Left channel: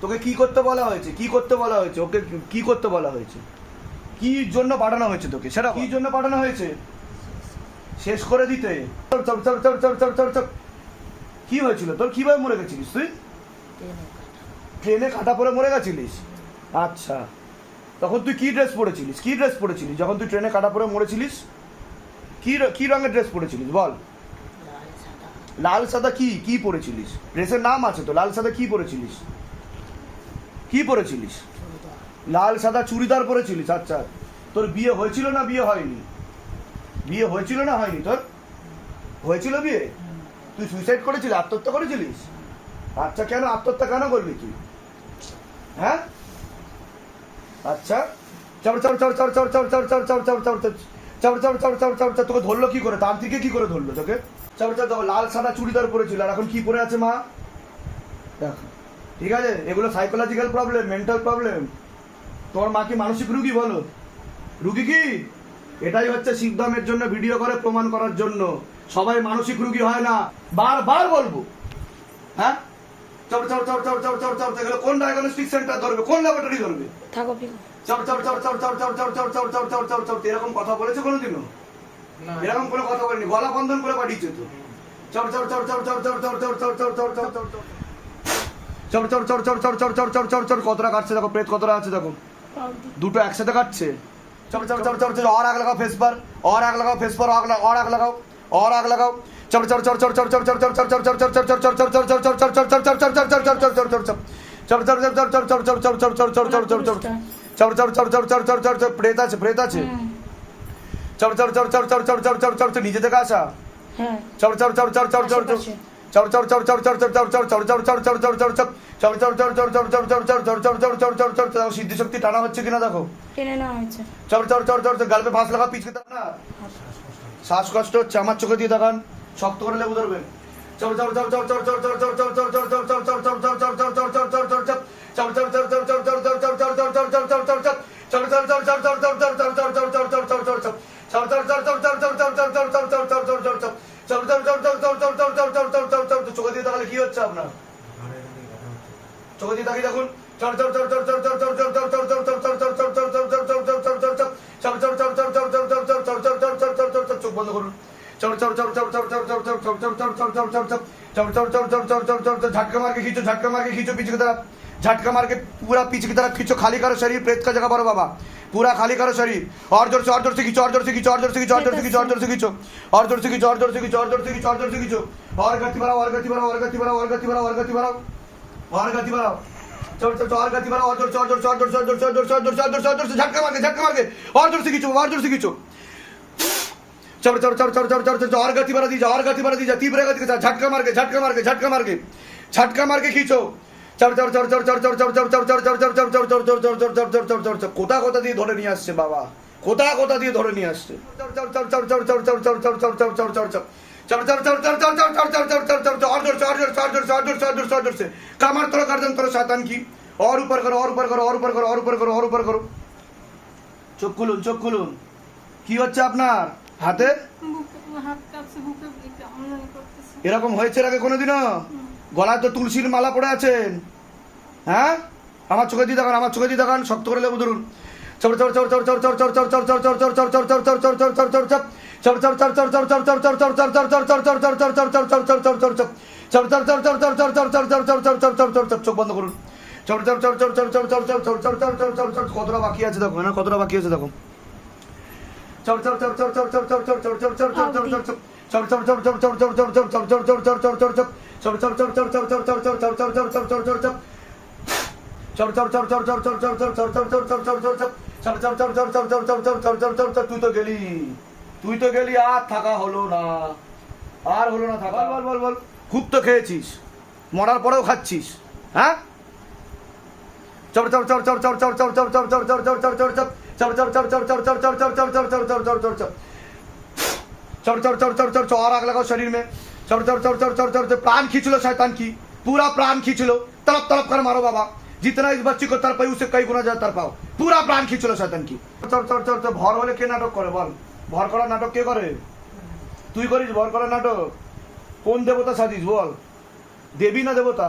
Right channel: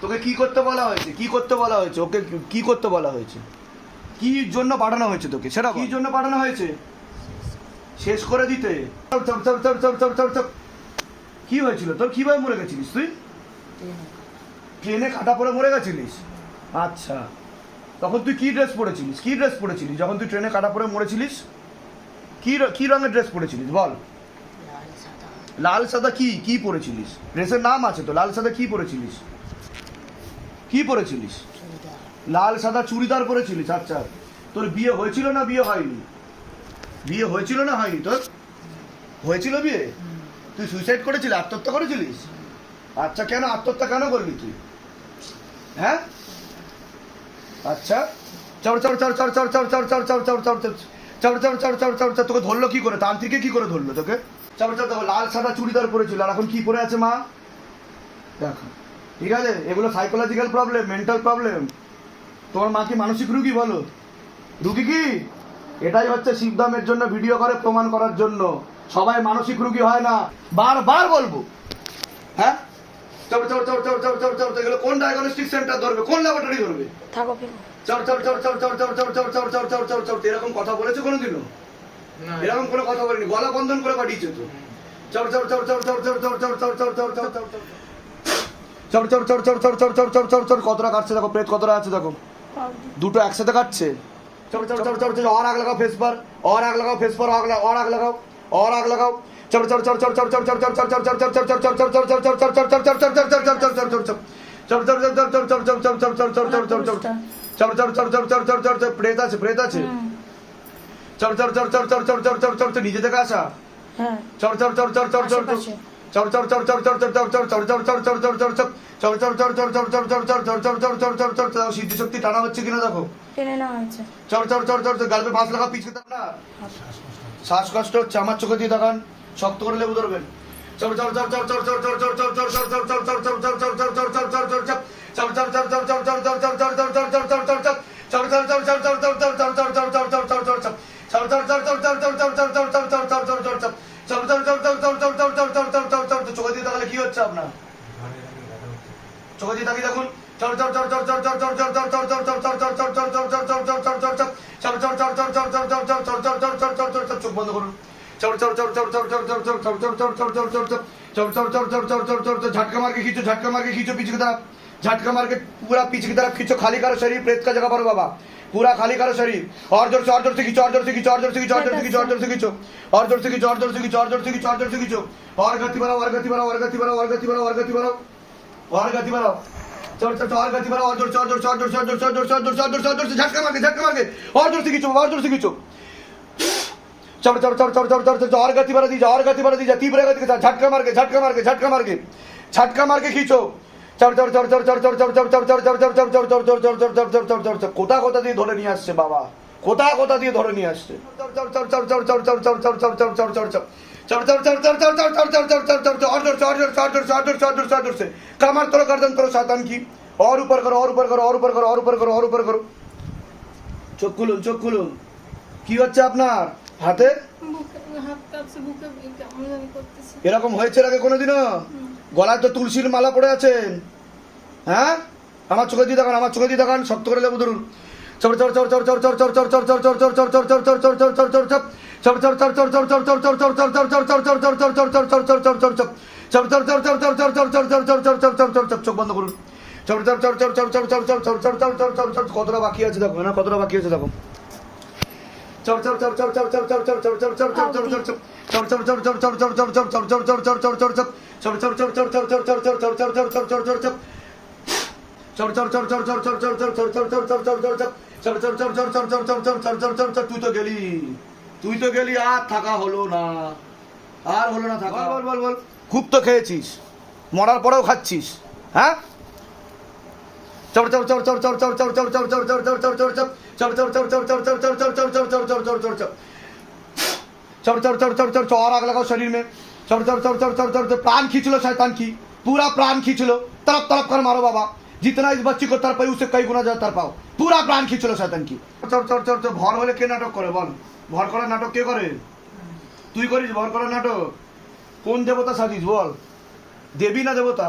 তোকে কি করতে বলা হয়েছে, কি করতে বলা হয়েছে, ওকে কি করতে বলা হয়েছে, কি জন্য পাঠানো হয়েছে তোকে, সেটা কি জন্য পাঠানো হয়েছে? শেষ করে দিতে। কি হয়েছিল তোর, কিভাবে মরে গেছিলিস তুই? ট্রেনে কাটা পরে মরে গেছিলিস? আচ্ছা, তখন তুই কি ড্রেস পরেছিলিস, কি ড্রেস পরেছিলিস যখন তুই ট্রেনে কাটা পরে মরেছিলিস? কি রঙের ড্রেস পরেছিলিস বল? লাল সাদা কি কি পরেছিলিস? ড্রেসের নাম আছে তো, লাল সাদা কি পরেছিলিস, কি পরেছিলিস? লাল সাদা চুড়িদার পরেছিলিস। আচ্ছা, তোর বিয়ে হয়েছিল না বিয়ে হয়নি? বিয়ে হয়েছিল না হয়নি? তোর হয়েছিল বিয়ে? তুই সুইসাইড করেছিলি, আত্মহত্যা করেছিলিস? আচ্ছা, কেন আত্মহত্যা কেন করলি তুই? হ্যাঁ, আচ্ছা, তোকে ধরলো কি করে, তান্ত্রিকে কি করে ধরলো তোকে? লাল সাদা চুড়িদার পরেছিল, আর এখন কি পরে আছে মা? দেখো, ঠিক আছে, এগুলো সাইকোলজিক্যাল প্রবলেম, মেন্টাল প্রবলেম। তোমার মা কি মানসিক রুগী? বলো, রুগী কি? এটাই হচ্ছে শিবধামের জন্য ভিডিও করে প্রমাণ করার জন্য। সবাই মানসিক রুগী হয় না, বারবার বলবো। হ্যাঁ, এগুলো কোন ডায়াগনস্টিক সেন্টার ধরবে, কোন ল্যাবরেটরি ধরবে? থাকো এরকম কথা বলেছে কোনোদিনও? এরকম কোনো কথা বলেনি, গলা বন্ধন করে পাঠিয়েছে তো। কতটা কাটছে দেখো, প্রেত কতটা আছে দেখো, দুটো একসাথে কাটছে। और आग लगाओ फेस पर, और आग लगाओ फेस पर, और आग लगाओ, और आग लगाओ। প্রেত আছে, প্রেত আছে। নিজে থেকে আসা। সিদ্ধি শক্তি টানা হচ্ছে কিনা দেখো, টেনে নেওয়া হয়েছে। গাল पे फांस लगा पीछे की तरफ ना, শ্বাসকষ্ট হচ্ছে, আমার চোখে দিয়ে দেখান, শক্ত করে লেবু ধরবেন। চোখে দিয়ে তাহলে কি হচ্ছে আপনার? চোখে দিয়ে তাকিয়ে দেখুন। চোখ বন্ধ করুন। झटका मार के खींचो, झटका मार के खींचो पीछे की तरफ, झटका मार के पूरा पीछे की तरफ खींचो, खाली करो शरीर, प्रेत का जगह पर बाबा, पूरा खाली करो शरीर। और जोर से खींचो, और जोर से खींचो, और जोर से खींचो, और जोर से खींचो, और जोर से खींचो, और जोर से खींचो, और जोर से खींचो, और जोर से खींचो, और जोर से खींचो, और गति बढ़ाओ, और गति बढ़ाओ, और गति बढ़ाओ, और गति बढ़ाओ, और गति बढ़ाओ, और गति बढ़ाओ, और गति बढ़ाओ, और जोर से, और जोर से, और जोर से, और जोर से, और जोर से, और जोर से, और जोर से, और जोर से झटका मार के, और जोर से खींचो, और जोर से खींचो। और गति बढ़ा दीजिए, और गति बढ़ा दीजिए, तीव्र गति के साथ झटका मार के, झटका मार के, झटका मार के, झटका मार के खींचो। কোথা কোথা দিয়ে ধরে নিয়ে আসছে বাবা, কোথা কোথা দিয়ে ধরে নিয়ে আসছে। কামার তোর गर्दन करो शैतान की, और ऊपर करो, और ऊपर करो, और ऊपर करो, और ऊपर करो, और ऊपर करो। চোখ খুলুন, চোখ খুলুন। কি হচ্ছে আপনার হাতে? এরকম হয়েছে আগে কোনোদিনও? গলায় তো তুলসীর মালা পড়ে আছেন। হ্যাঁ, আমার চোখে দিয়ে দেখান, আমার চোখে দিয়ে দেখান, শক্ত করে লেবু ধরুন। চোখ বন্ধ করুন। কতটা বাকি আছে দেখো, না কতটা বাকি আছে দেখো। তুই তো গেলি, আর থাকা হলো না, আর হলো না থাকা। বল বল বল, খুব তো খেয়েছিস, মরার পরেও খাচ্ছিস। হ্যাঁ, और आग लगाओ शरीर में। प्राण खींच लो शैतान की, पूरा प्राण खींच लो, तड़प तड़प कर मारो बाबा, जितना इस बच्ची को तड़पाई उसे कई गुना ज्यादा तड़पाओ, पूरा प्राण खींच लो शैतान की। ভর হলে কে নাটক করে বল? ভর করার নাটক কে করে? তুই করিস ভর করার নাটক? কোন দেবতা সাজিস বল? দেবী না দেবতা?